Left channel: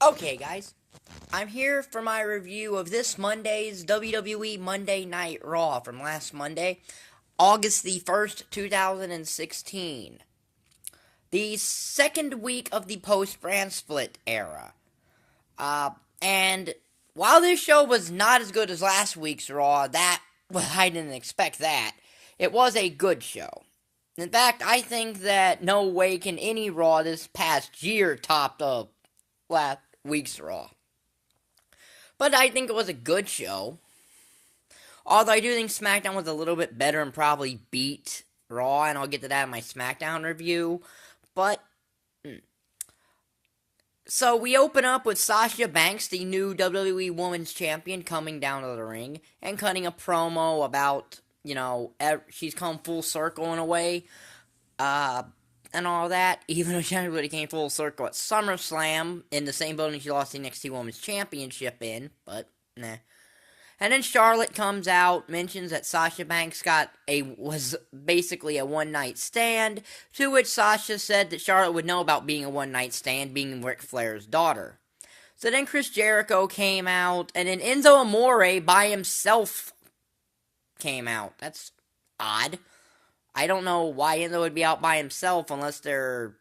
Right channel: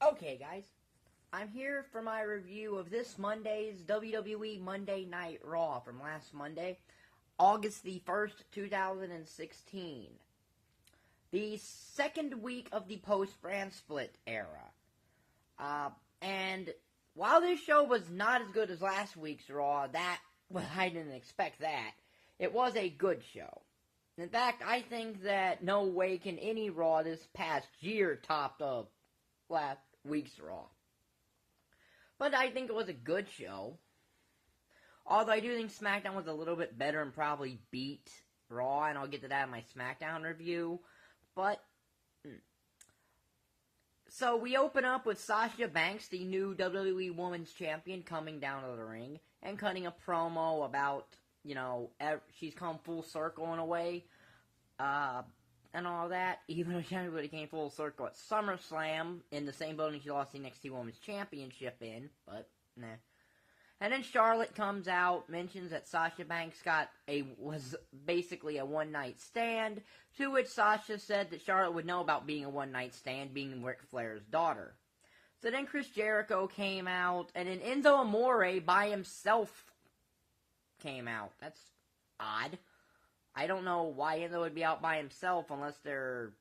Okay, guys, I'm here for my review of this Monday's WWE Monday Night Raw from last Monday, August the 1st, 2016. The second week of the post brand split era. Uh, and while this show was not as good as last week's Raw, I didn't expect that. It was a good show. In fact, I think that no way can any Raw this past year top the last week's Raw. But I think it was a good show. Although I do think SmackDown was a little bit better and probably beat Raw, and I'll get to that in my SmackDown review. But, so we open up with Sasha Banks, the new WWE Women's Champion, coming down to the ring and cutting a promo about, she's come full circle in a way, and all that, even though she really came full circle at SummerSlam in the same building she lost the NXT Women's Championship in, but, nah. And then Charlotte comes out, mentions that Sasha Banks was basically a one-night stand, to which Sasha said that Charlotte would know about being a one-night stand, being Ric Flair's daughter. So then Chris Jericho came out, and then Enzo Amore by himself came out. That's odd. I don't know why Enzo would be out by himself unless they're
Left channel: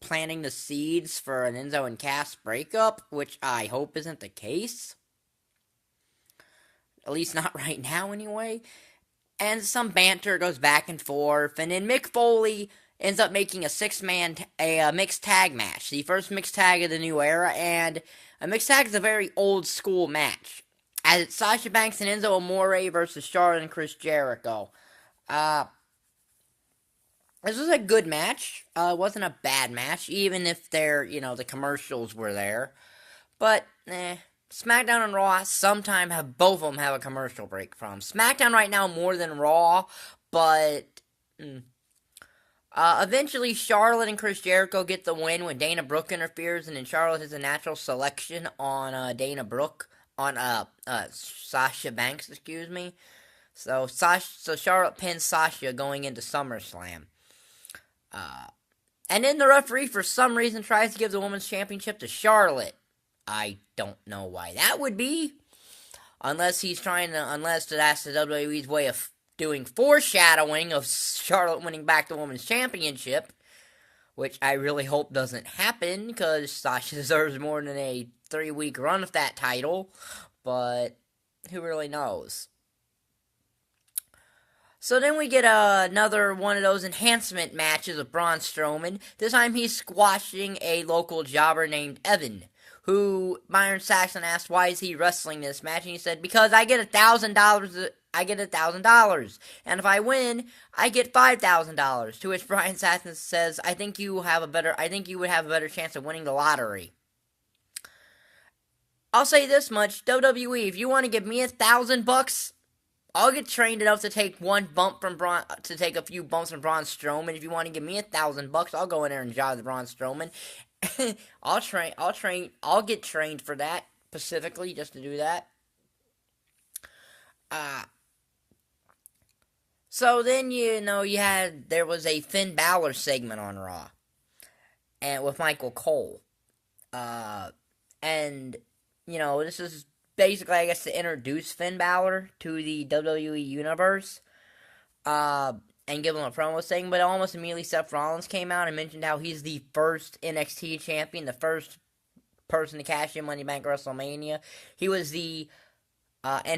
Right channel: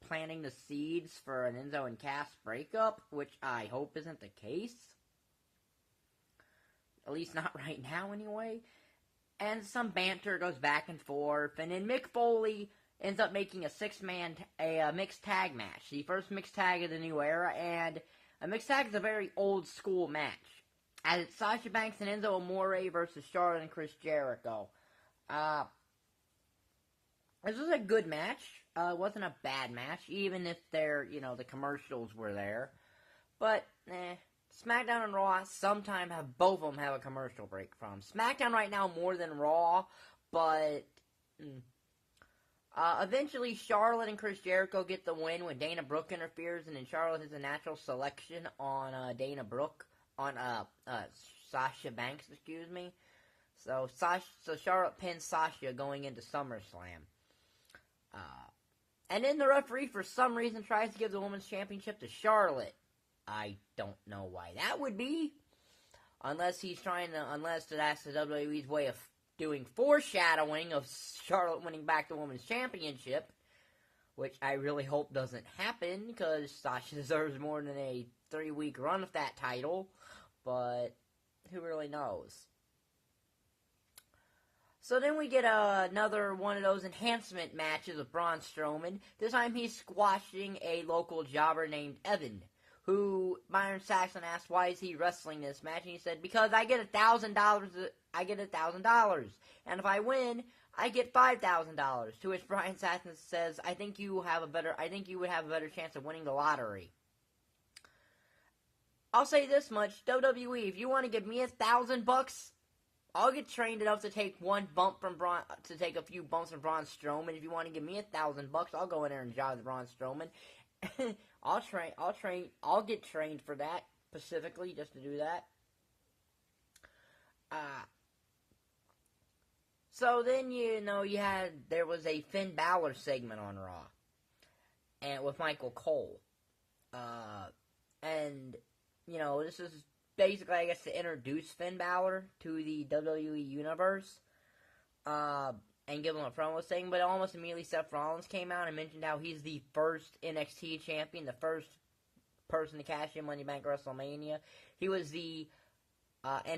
planting the seeds for an Enzo and Cass breakup, which I hope isn't the case. At least not right now, anyway. And some banter goes back and forth. And then Mick Foley ends up making a mixed tag match. The first mixed tag of the new era. And a mixed tag is a very old school match. As it's Sasha Banks and Enzo Amore versus Charlotte and Chris Jericho. This was a good match. It wasn't a bad match. Even if the commercials were there. But, SmackDown and Raw sometimes both of them have a commercial break from. SmackDown right now more than Raw, but eventually Charlotte and Chris Jericho get the win when Dana Brooke interferes, and then Charlotte has a natural selection on Sasha Banks, excuse me. So Charlotte pins Sasha going into SummerSlam. And then the referee for some reason tries to give the Women's Championship to Charlotte. I don't know why that would be. Unless that's the WWE's way of doing foreshadowing of Charlotte winning back the Women's Championship. Which I really hope doesn't happen, because Sasha deserves more than a 3-week run of that title. But who really knows? So then we get another one of those enhancement matches of Braun Strowman. This time he's squashing a local jobber named Evan, who Byron Saxton asked why is he wrestling this match, and he said, because I get $1,000, and if I win, I get $5,000, to which Byron Saxton says, I think you would have a better chance of winning the lottery. I'll say this much, WWE, if you want to give me $1,000, I'll get trained enough to take a few bumps from Braun Strowman. If you want to give me $1,000, I'll go in there and job the Braun Strowman. I'll get trained for that, specifically, just to do that. So then, there was a Finn Balor segment on Raw, and with Michael Cole. This is basically, I guess, to introduce Finn Balor to the WWE Universe. And give him a promo segment, but almost immediately Seth Rollins came out and mentioned how he's the first NXT champion, the first person to cash in Money Bank WrestleMania. He was in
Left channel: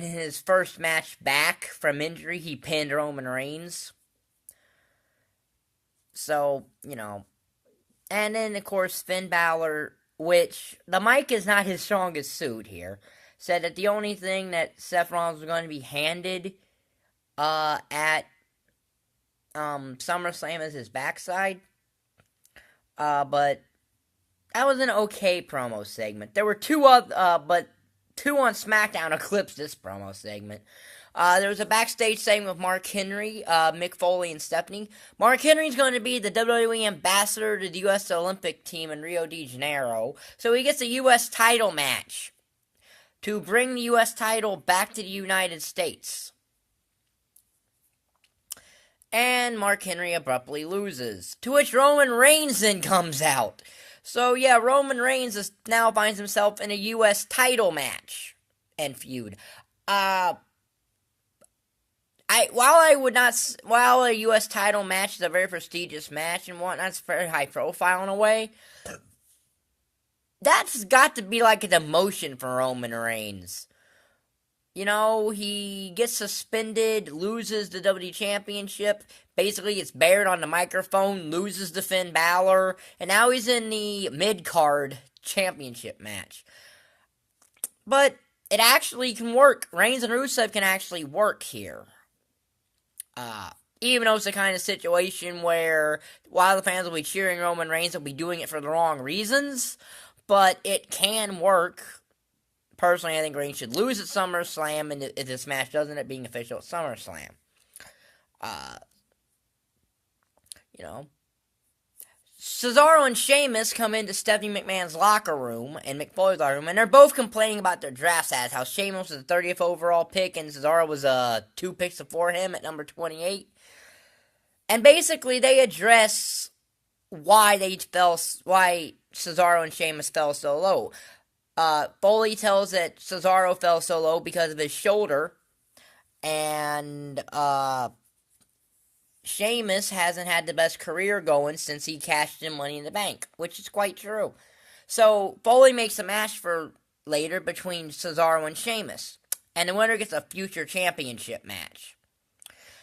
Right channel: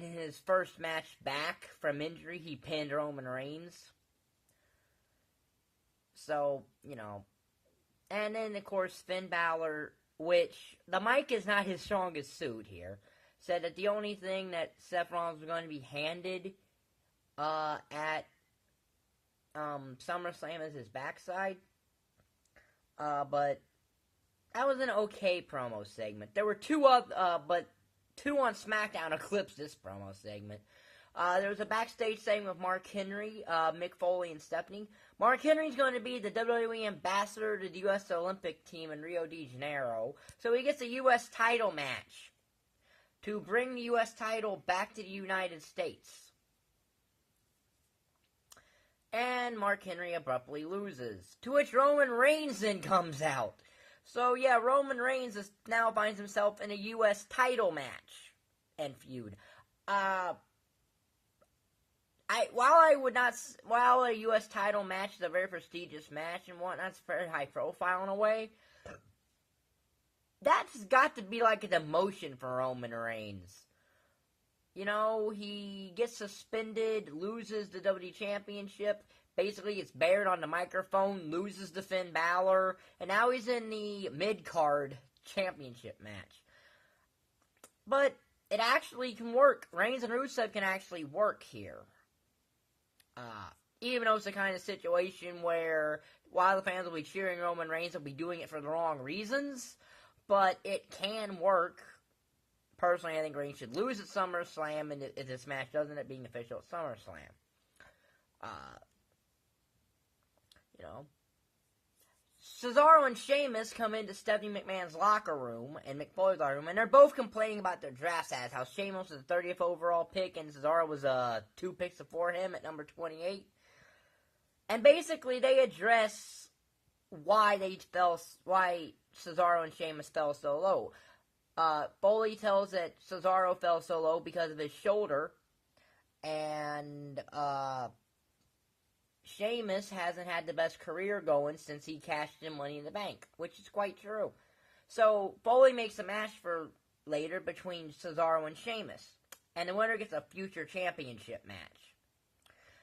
his first match back from injury, he pinned Roman Reigns. So, and then, of course, Finn Balor, which, the mic is not his strongest suit here, said that the only thing that Seth Rollins was going to be handed, at SummerSlam is his backside. But that was an okay promo segment. There were two on SmackDown eclipsed this promo segment. There was a backstage segment with Mark Henry, Mick Foley, and Stephanie. Mark Henry's going to be the WWE ambassador to the U.S. Olympic team in Rio de Janeiro, so he gets a U.S. title match to bring the U.S. title back to the United States. And Mark Henry abruptly loses, to which Roman Reigns then comes out. So yeah, Roman Reigns now finds himself in a U.S. title match and feud. Uh, while a U.S. title match is a very prestigious match and whatnot, it's very high profile in a way. That's got to be like a demotion for Roman Reigns. You know, he gets suspended, loses the WWE Championship, basically gets buried on the microphone, loses to Finn Balor, and now he's in the mid-card championship match. But it actually can work. Reigns and Rusev can actually work here. Even though it's the kind of situation where while the fans will be cheering Roman Reigns, they'll be doing it for the wrong reasons, but it can work. Personally, I think Reigns should lose at SummerSlam, and if this match doesn't end up being official at SummerSlam. You know. Cesaro and Sheamus come into Stephanie McMahon's locker room and Mick Foley's locker room, and they're both complaining about their draft status. How Sheamus was the 30th overall pick, and Cesaro was 2 picks before him at number 28. And basically, they address why Cesaro and Sheamus fell so low. Foley tells that Cesaro fell so low because of his shoulder, and Sheamus hasn't had the best career going since he cashed in Money in the Bank, which is quite true. So Foley makes a match for later between Cesaro and Sheamus, and the winner gets a future championship match.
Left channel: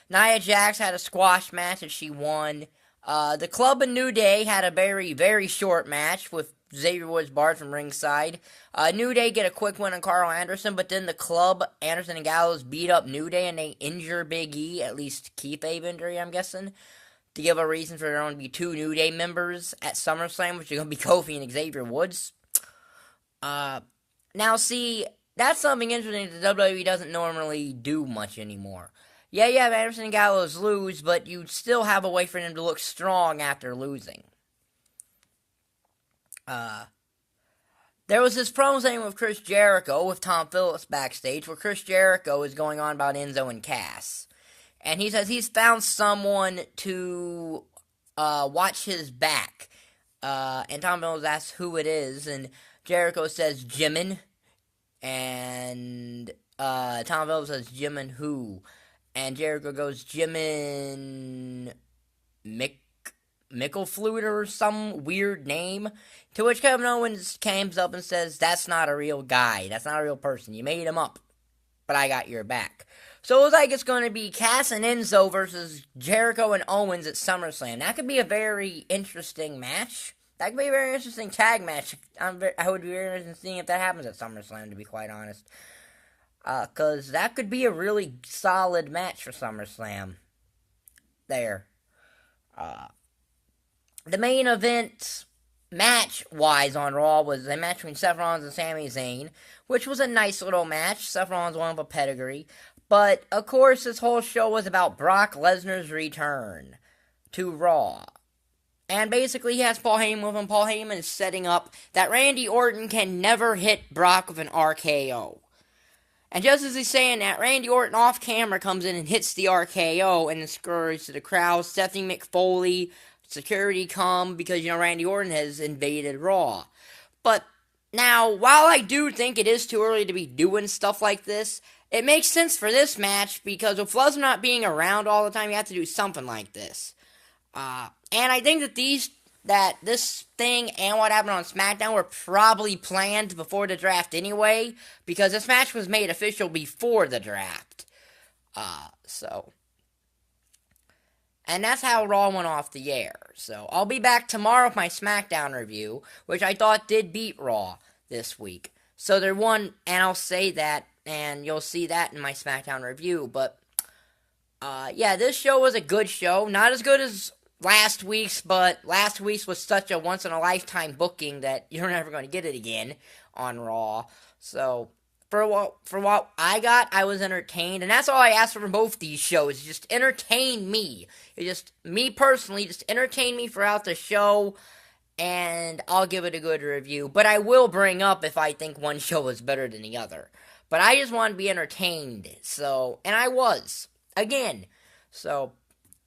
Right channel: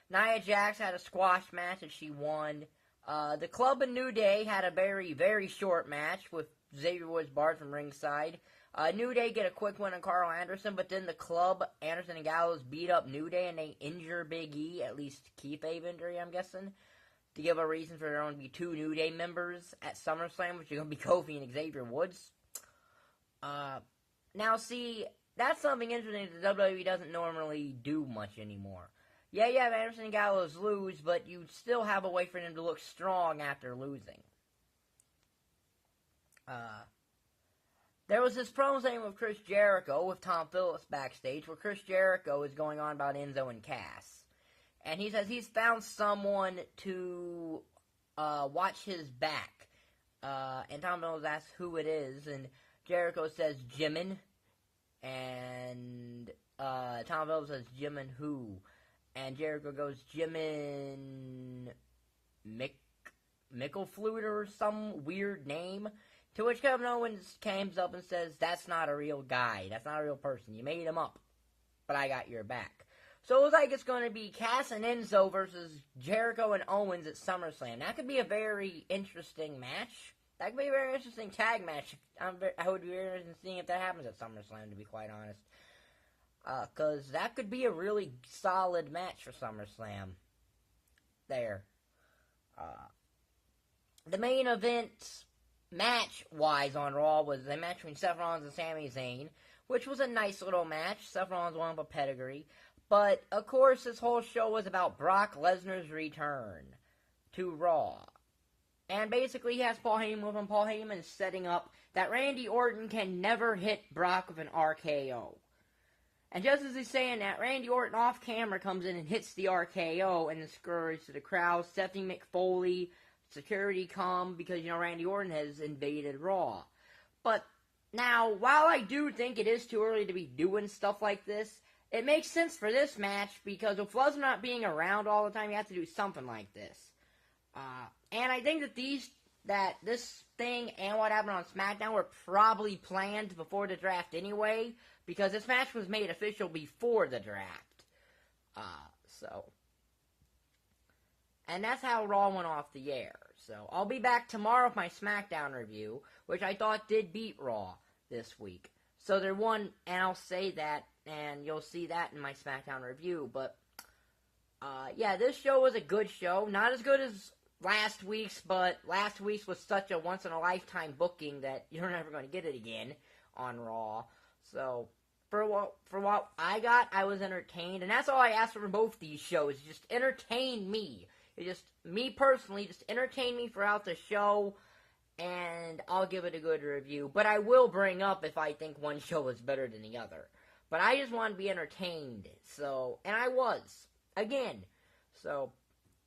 Nia Jax had a squash match and she won. The Club and New Day had a very, very short match with Xavier Woods barred from ringside. New Day get a quick win on Carl Anderson, but then the Club, Anderson and Gallows, beat up New Day and they injure Big E, at least kayfabe injury, I'm guessing, to give a reason for there only to be 2 New Day members at SummerSlam, which are going to be Kofi and Xavier Woods. Now, see, that's something interesting that WWE doesn't normally do much anymore. Yeah, you have Anderson and Gallows lose, but you still have a way for them to look strong after losing. There was this promo thing with Chris Jericho with Tom Phillips backstage where Chris Jericho is going on about Enzo and Cass. And he says he's found someone to watch his back. And Tom Phillips asks who it is, and Jericho says Jimin. And Tom Phillips says Jimin who? And Jericho goes Jimin Micklefluter or some weird name. To which Kevin Owens comes up and says, that's not a real guy. That's not a real person. You made him up. But I got your back. So it looks like it's going to be Cass and Enzo versus Jericho and Owens at SummerSlam. That could be a very interesting match. That could be a very interesting tag match. I would be very interested in seeing if that happens at SummerSlam, to be quite honest. Because that could be a really solid match for SummerSlam. There. The main event match-wise on Raw was a match between Seth Rollins and Sami Zayn, which was a nice little match. Seth Rollins won with a pedigree. But, of course, this whole show was about Brock Lesnar's return to Raw. And basically, he has Paul Heyman with him. Paul Heyman is setting up that Randy Orton can never hit Brock with an RKO. And just as he's saying that, Randy Orton off camera comes in and hits the RKO and then scurries to the crowd. Stephanie McFoley, security come because, Randy Orton has invaded Raw. But now, while I do think it is too early to be doing stuff like this, it makes sense for this match because with Lesnar not being around all the time, you have to do something like this. And I think that this thing and what happened on SmackDown were probably planned before the draft anyway, because this match was made official before the draft. And that's how Raw went off the air. So, I'll be back tomorrow with my SmackDown review, which I thought did beat Raw this week. So, there won, and I'll say that, and you'll see that in my SmackDown review. But, yeah, this show was a good show. Not as good as last week's, but last week's was such a once-in-a-lifetime booking that you're never going to get it again on Raw. So, for what I got, I was entertained, and that's all I asked for from both these shows. Just entertain me. Just me personally, just entertain me throughout the show, and I'll give it a good review. But I will bring up if I think one show is better than the other. But I just want to be entertained, so, and I was, again. So,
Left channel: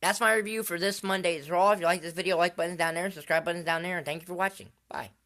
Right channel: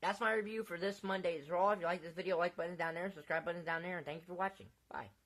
that's my review for this Monday's Raw. If you like this video, like button's down there, subscribe button's down there, and thank you for watching. Bye.